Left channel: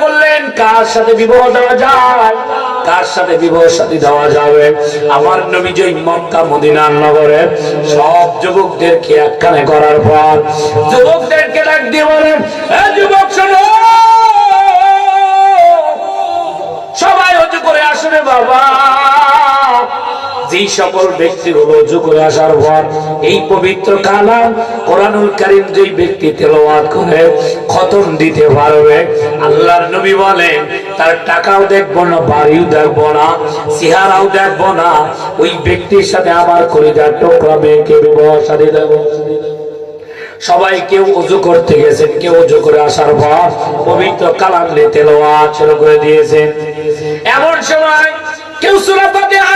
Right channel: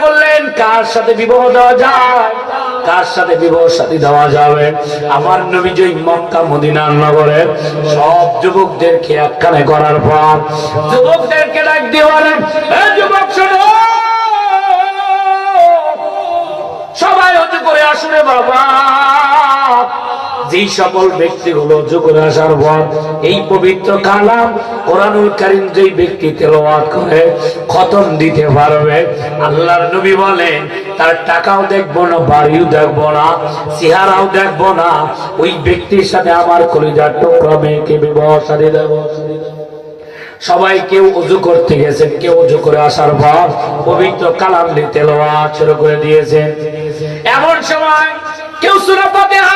করলেন, কার সাথে বিবাহ দেওয়া যায়? কার সাথে বিবাহ সাথী দেওয়া যাবে? আমার নবী যে মক্কা মদিনার নগরে সব যুবকদেরকে একখানে করার পর যুবকদেরকে ডাক দিয়ে বলেন, "এ যুবক, শোনো! সবাই হতে করে আসলে বাবা! যে সকল ব্যক্তি হলো করে আসার পর এই পবিত্র কালাম কোরআনুল কারিম যেই ব্যক্তি তেলাওয়াত করে, খতম দিতে পারবে। আল্লাহর নবী বলেন তার টাকাও দেখব না, বাড়িও দেখব না, চেহারাও দেখব না, ওই ব্যক্তির সাথে আমার কলিজার টুকরা মেয়েকে বিবাহ সাথে দেবো। সবাই কেউ উজু করতে গেছেন, কেউ উজু করে আসার পর পবিত্র কালাম নিয়ে তেলাওয়াত শুরু করে দিয়েছেন। এমন সময় কেউ সূরা ফাতিহা কেউ সূরা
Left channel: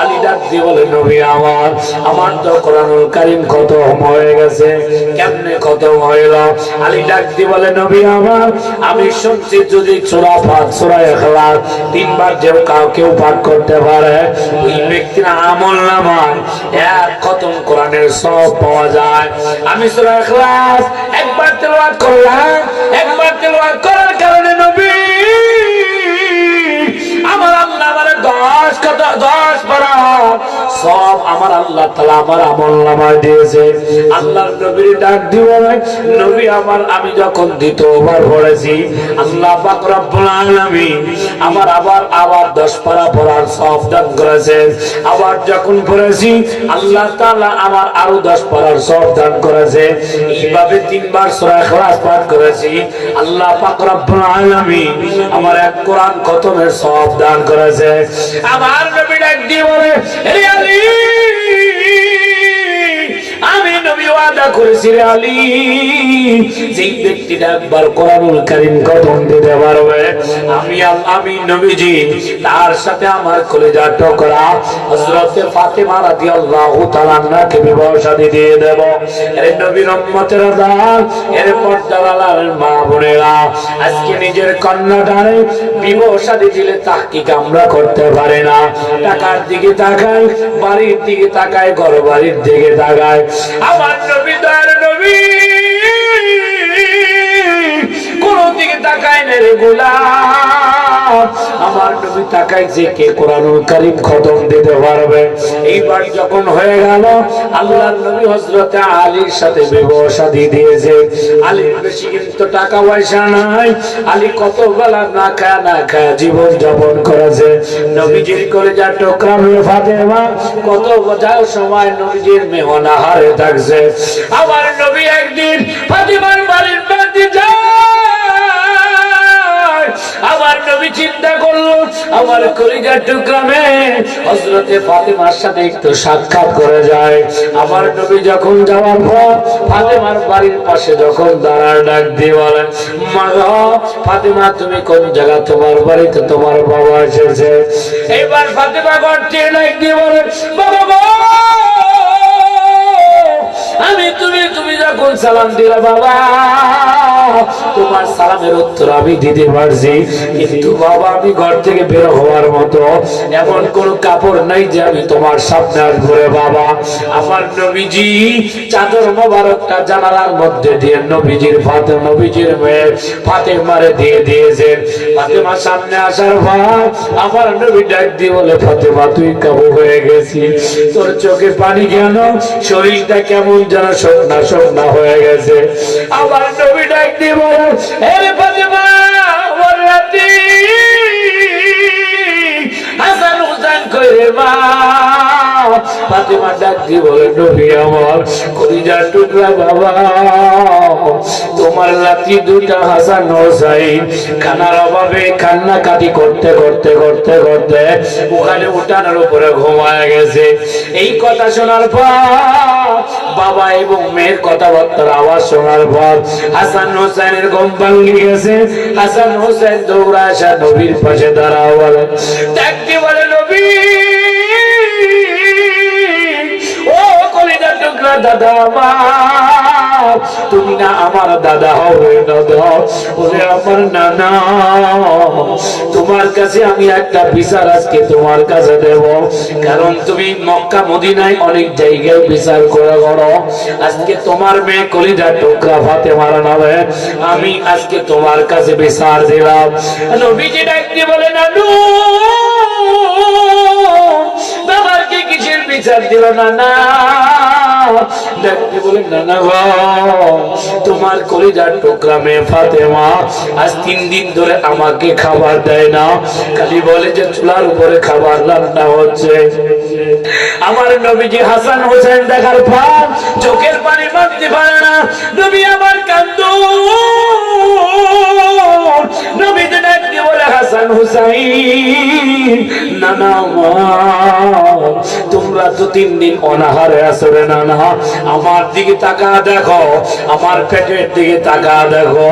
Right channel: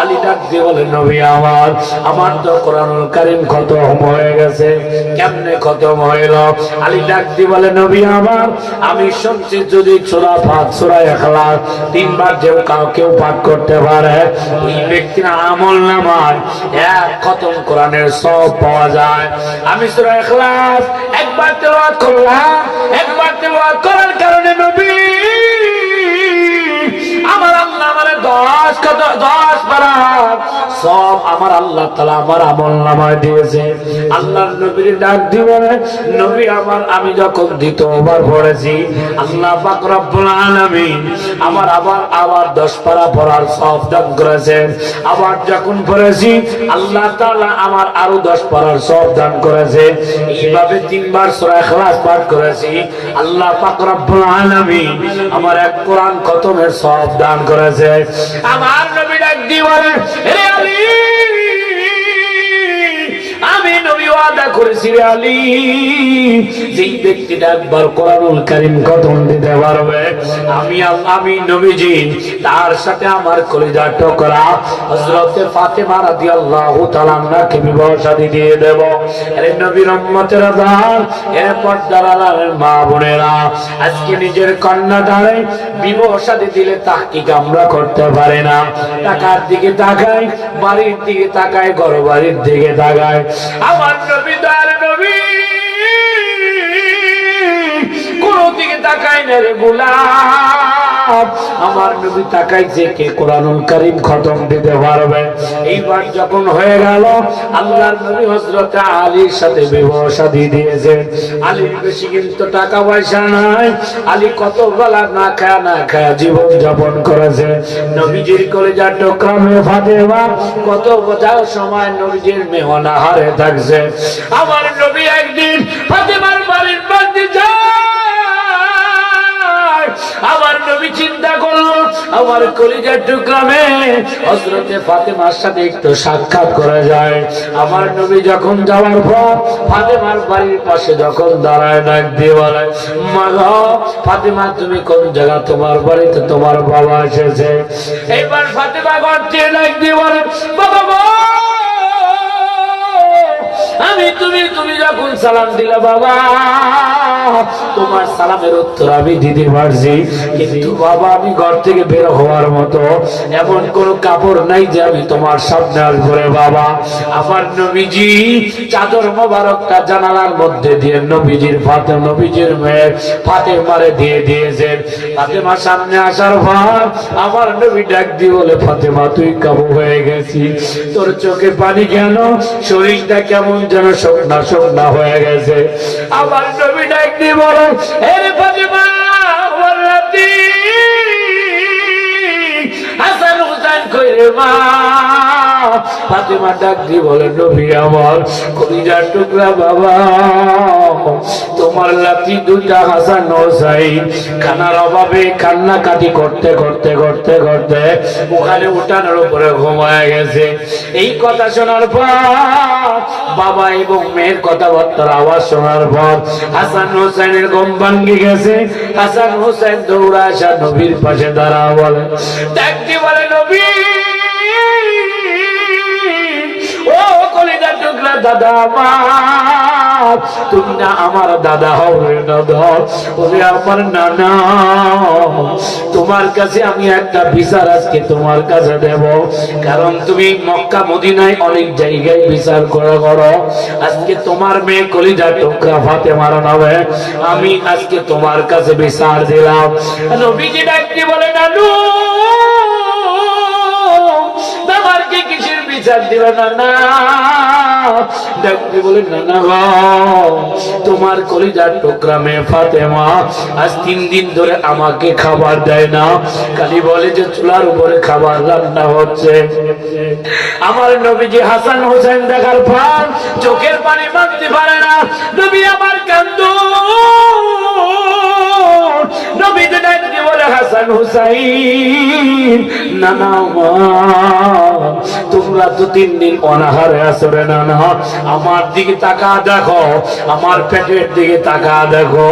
আলী ডাক দিয়ে বলে নবী আমার আমার তো কোরআনুল কারীম খতম হয়ে গেছে, কেমনে খতম হইল? আলী ডাক দিয়ে বলে, নবী আমার, আমি শুনছি যদি ফাত সূরা ইখলাস তিনবার যে কাউ কেউ পাঠ করতে পারে, ওই ব্যক্তির আমল নামায় এক খতম কোরআনের সব পাওয়া যায়। আমি সূরা ইখলাস একবার তেলাওয়াত করলাম, একবার তেলাওয়াত করার কারণে নবী সব আমার আল্লাহ তালা আমার আমল নামায় দিয়েছে। আল্লাহ নবীর ডাক দিব, নবী আমার, আমি যখন দ্বিতীয়বার পড়েছি, আল্লাহ পাক রব্বুল আলামিন আমার আবার আবার দশ পারা পড়ার সব দান করেছেন। আবার যখন পড়েছি, আল্লাহ তাআলা আমার আরও দশ পারার সব দান করেছে। এইভাবে তিনবার সূরা ইখলাস পাঠ করেছি। আল্লাহ পাক রব্বুল আলামিন আমার এক কোরআন খতমের সব দান করেছে। আমার নবী ডাক দিয়ে বলে রে আলী আমি নবী ওয়াদা করেছি রে আলী। যেই ব্যক্তিটা একবার কোরআনুল কারীম খতম দিতে পারবে, আমি আমি নবীজি, তার সাথে আমার কলিজা টকরা। হযরত ফাতেমা রাদিয়াল্লাহু তাআলা আনহাকে বিবাহ শাদী দিয়ে দেব। এর নবীর উম্মতের দান এর পর্দার মা বোনেরা, আজকে নিজের কন্যা দ্বারাই বিবাহ শাদী দিলে তাহকিক আমরা করতে পারি না। টাকার দিকে তাকাই, বাড়ির দিকে তাকাই ঘর বাড়ির দিকে তাকাই। আমার নবী দয়ার নবী। কোন দিকে তাকায় না রে গোলাম। আমার নবী তাকাইছে কে কোরআনুল কারীম খতম দিতে পারবে? এইবার যখন হয়ে গেল, আল্লাহর নবী হযরত আলীর সাথে বিবাহ দিয়েছে। আলীর বেশি কিন্তু টাকা পয়সা নাই। আলী কত বেলা না খায় না খায় জীবন যাপন করেছে। নবীজির কলেজা টোকা মেয়ে ফাতেমা, কত বোঝাও সময় নবীজির মেহনাহারে থাকছে। আমার নবী একদিন ফাতেমার বাড়ির আমার নবী চিন্তা করল, আমার কলিজার টুকরামে হজরতে ফাতেমার সাথে একটু সাক্ষাৎ করে যায়। আমার নবী যখন যাওয়ার পর ফাতেমার বাড়ির পাশে যখন দাঁড়ায়, ডাক দিয়ে বলে ফাতেমা, তুমি কোন জায়গা? তোমার বাড়িতে তোমার বাবা এসেছে। এবার ফাতেমা দিয়ে ডাক দিয়ে বলে, বাবা আমি তুমি তুমি যখন সালাম দিলা, বাবা তোমার সালামের উত্তর আমি দিতে পারছি। কিন্তু বাবা, আমি ঘর থেকে বের হওয়ার মতো এমন কোন কাপড় নাই যে আমি তোমার সামনে আসব বাবা। আমার নবীজি চাদর মোবারকটা জানালার মধ্যে দিয়ে নবীজির ফাতে নবীজির মেয়ে ফাতে মারে দিয়ে দিয়েছেন। ফাতেমা সামনে আসার পর আমার নবী ডাক দিয়ে বলে, ফাতেমা, তুই কাবু হয়ে গেছিস। তোর চোখে পানি কেন? শরীরটা কেমন যেন সন্না সন্না হয়ে গেছে। আমার নবী ডাক দিয়ে বলে হে ফাতেমা, আমার রাতে হাসান হুসাইন কইরে মা, ফাতেমা ডাক দিয়ে বলে নবী আমার, কলিজার টুকরা বাবা, তোমার লাতি দুটা হাসান হোসাইন খানার অভাবে কান্নাকাটি করতে করতে করতে করতে, ওখানে ঘুমায় গেছে। এই কথা শোনার পর বাবা এবং মেয়ের কথাবার্তার আওয়াজ শোনার পর হাসান হোসেনের গম ভাঙ্গি গেছে। হাসান হোসেন দৌড়া আসা নবীর পাশে দাঁড়া বলে, ডাকতে বলে নবী, ও কলিদার টুকরা দাদা মা তুমি না আমার দাদা হবে বলে, আমার নানা, তোমার কাছে আমি একটা বিচার আজকে তোমার কাছে দেব। কারণ তুমি মক্কা, মদিনায় অনেক জায়গায় বিচার করে করো আজকে তোমার মেয়ে কলিজা টোকরা ভাতে মারানো হবে আমি আজকে তোমার কাছে বিচার দিলাম। নবীজি ডাকতে বলে, নানু বাবারকে কিসের বিচার দিল না না বলে, না না গো, তোমার কলিজার ফাতেমা আজ তিন দিন ধরে আমাকে খাবার দেয় না। খালি বলে যে চুলার উপরে খাবার রান্না হচ্ছে। আমার নবীজি হাসান হোসেন দেখার পর চোখের পানি মানতে পারে না। নবী আমার কান্দু। হাসান হুসাইন। নানা তোমরা তো তিন দিন অনাহারে আসরে নানা আমার দিকে তাকা দেখো, আমার পেটের দিকে তাকা দেখো।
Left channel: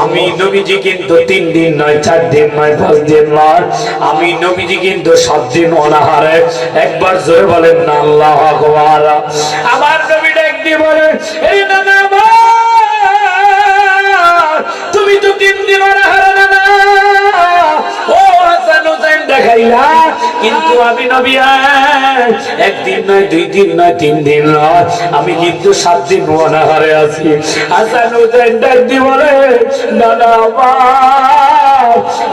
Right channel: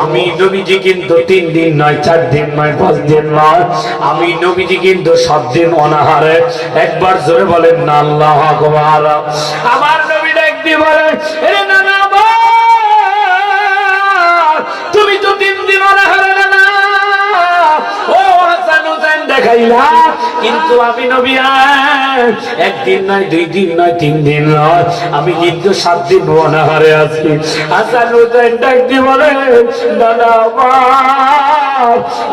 আমি নবীজি কিন্তু তিন দিন নয়, চার দিন নয়, পাঁচ দিন নয়। আমি নবীজি কিন্তু সব দিন অনাহারে। একবার জোরে বলেন, না, আল্লাহ আকবার। আমার নবী ডাক দিয়ে বলে, "এ নানা তুমি তো তিন দিন অনাহারে নানা দেখাইলা, কিন্তু আমি নবী একদিন নয়, দুই দিন নয়, তিন দিন নয়, আমি কিন্তু সাত দিন অনাহারে আছি। হাসান হোসেন ডাক দিয়ে বলে, দাদা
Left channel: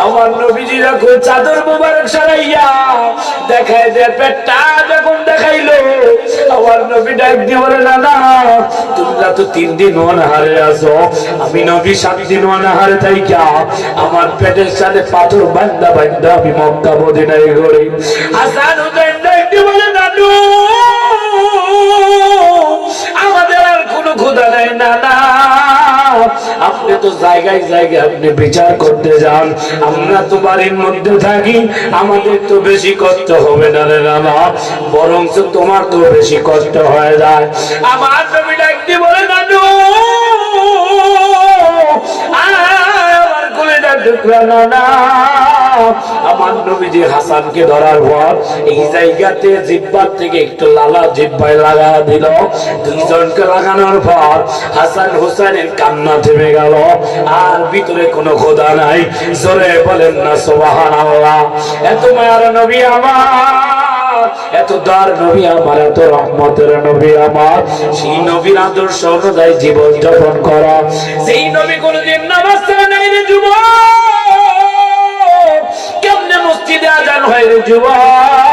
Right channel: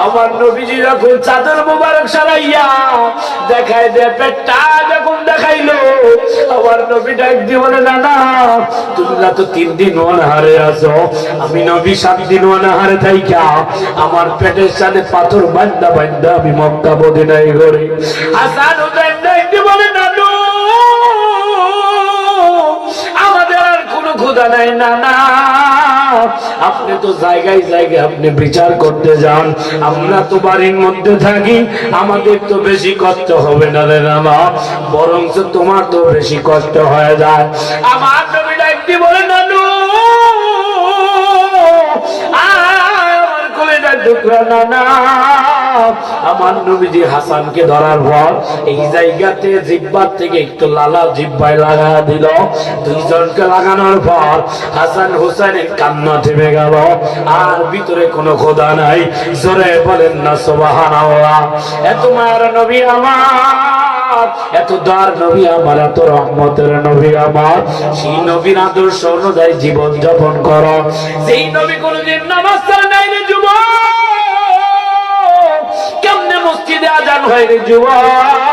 আমার নবীজি যখন চাদর মুবারক সরাইয়া দেখায় দে পেটটা দেখাইলো। আমার নবী ডাক দিয়ে বলে না না তোমরা তো তিন দিন অনাহারে আছো। আমি নবী সাত দিন অনাহারে আমার পেটের সাথে পাথর বান্দা বান্দা আমি মক্কা মদিনায় গড়ি হাসান ডাক দিয়ে বলে আমাদের আর কোনো ক্ষুধা নাই না না আপনি তো জায়গায় জায়গায় আপনি বিচার করতে যান। আমরা তো বাড়ির মধ্যে থাকি, আমাদের তো বেশি কষ্ট হবে না রে নানা বরং তোমার তো বেশি কষ্ট হয়ে যায়। আমার নবীটা ডাকতে বলে দাঁড়ো আমার কলেজার টুকরা নানা আমার নবীজি হাসানকে ধরার পর এই জায়গাতে জিব্বার থেকে একটু লালা জিব্বায় লাগা দিল। দুইজনকে লাগানোর পর হাসান হোসেনের কান্না থেমে গেল। আর ভিতরে কোনো খোদা নাই। জোরে বলেন না সোবাহান এত মায়ার নবী আমার, এত দার নবী আমার, এত রহমতের নবী আমার। সেই নবীর আদর্শ অনুযায়ী জীবন যাপন করা। সেই নবী কোনদিন যুবক। মসজিদে আজান হয় রে যুবক।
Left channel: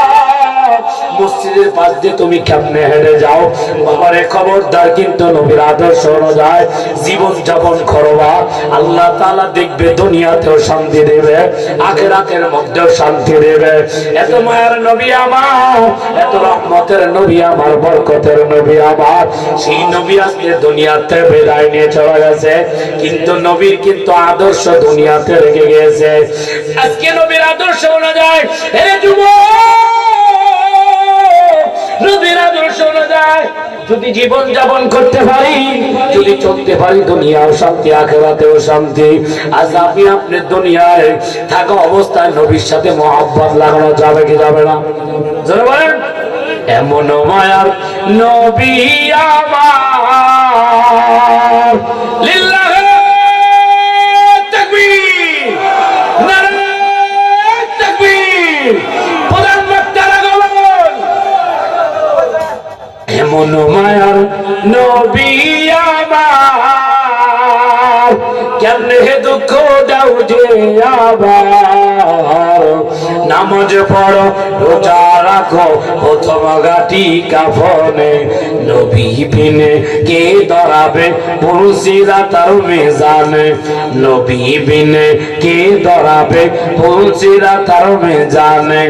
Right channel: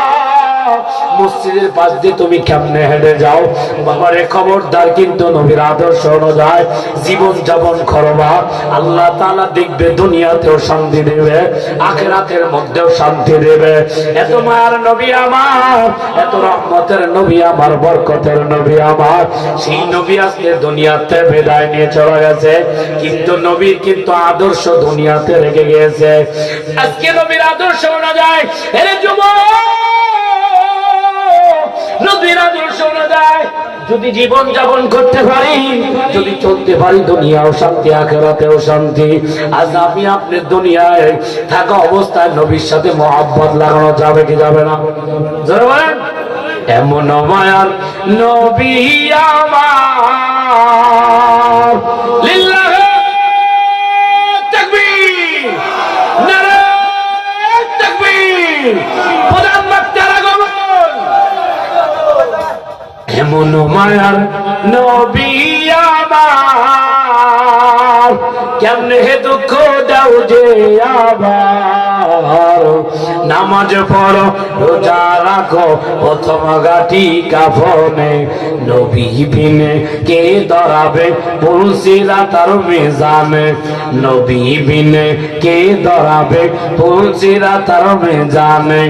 মসজিদের পাশ দিয়ে তুমি কেমনে হেঁটে যাও? বাবারে খবরদার কিন্তু নবীর আদর্শ অনুযায়ী জীবন যাপন করবা আল্লাহ তাআলা দেখবে, দুনিয়াতেও শান্তি দেবে, আখেরাতের মধ্যেও শান্তি দেবে। এত মায়ার নবী আমার, এত রহমতের নবী আমার, বরকতের নবী আমার। সেই নবী আজকে দুনিয়াতে বিদায় নিয়ে চলে গেছে, কিন্তু নবীর কিন্তু আদর্শ দুনিয়াতে রেখে গেছে আজকে নবীর আদর্শ অনুযায়ী এরে যুবক! নবীর আদর্শ অনুযায়ী যদি জীবন যাপন করতে পারি, যদি চলতে পারি দুনিয়াও শান্তি, আখেরাতেও শান্তি। আজ আমি আপনি দুনিয়ায় থাকা অবস্থায় নবীর সাথে মহাব্বত লাগানো যাবে কি যাবে না? এমন মায়ার নবী আমার। এমন মায়ার নবী আমার কেমনে হে দুঃখ দাও নামাজ পড়ো, রোজা রাখো, প্রথম গাটি কাফনে নবী বিনে কে দরাবে পুরুষিরা তার মেজানে। নবী বিনে কে দরাবে পুরুষিরা তার মেজানে।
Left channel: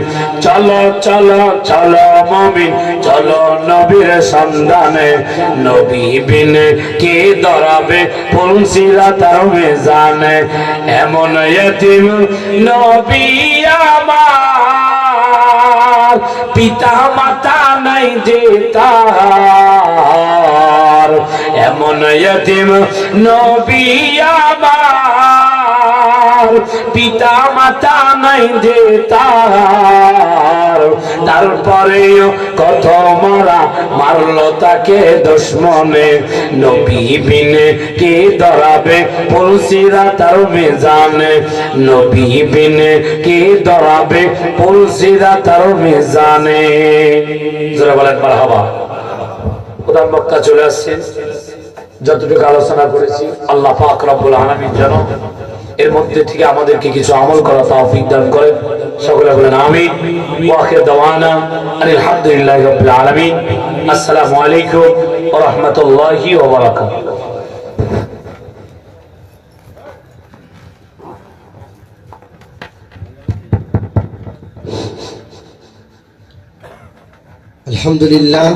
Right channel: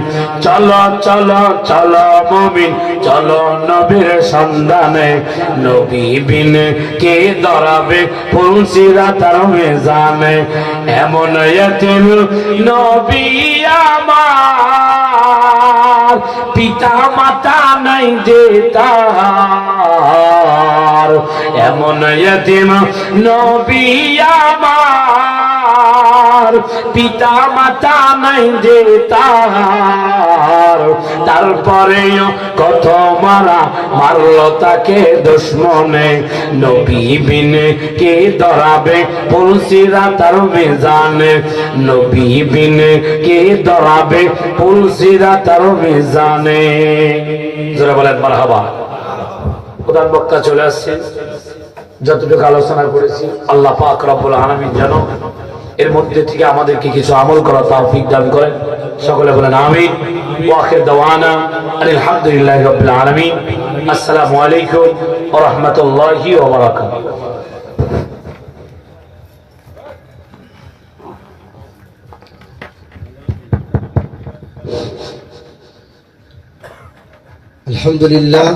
চলো চলো চলো মমিন, চলো নবীর সন্ধানে। নবী বিনে কে দরাবে পুরুষিরা তার মেজানে। এমন নবী আমার পিতা মাতা নাই যে তার। এমন নবী আমার পিতা মাতা নাই যে তার। তারপরে কত মারা মারলো তাকে দুশ্মনে। নবী বিনে কে ধরাবে পুলসিরা তার মেজানে? নবী বিনে কে ধরাবে পুলসিরা তার মেজানে? যারা বলেন, মারহাবা। কোরআন মক্কা চলে আসছে যতটুকু আলোচনা করেছি, আল্লাহ পাক রব্বুল আলামিন যেন এর মধ্যে থেকে আমাদেরকে কিছু আমল করা তৌফিক দান করেন। সকলে বলেন আমিন। ওয়া আখির দাওয়ানা আলহামদুলিল্লাহি রাব্বিল আলামিন। আসসালামু আলাইকুম ওয়া রাহমাতুল্লাহি ওয়া বারাকাতুহু। আলহামদুলিল্লাহ।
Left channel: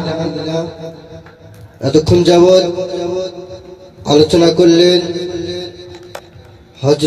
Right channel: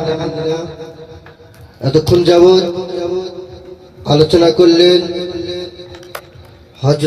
এতক্ষণ যাবৎ আলোচনা করলেন হজ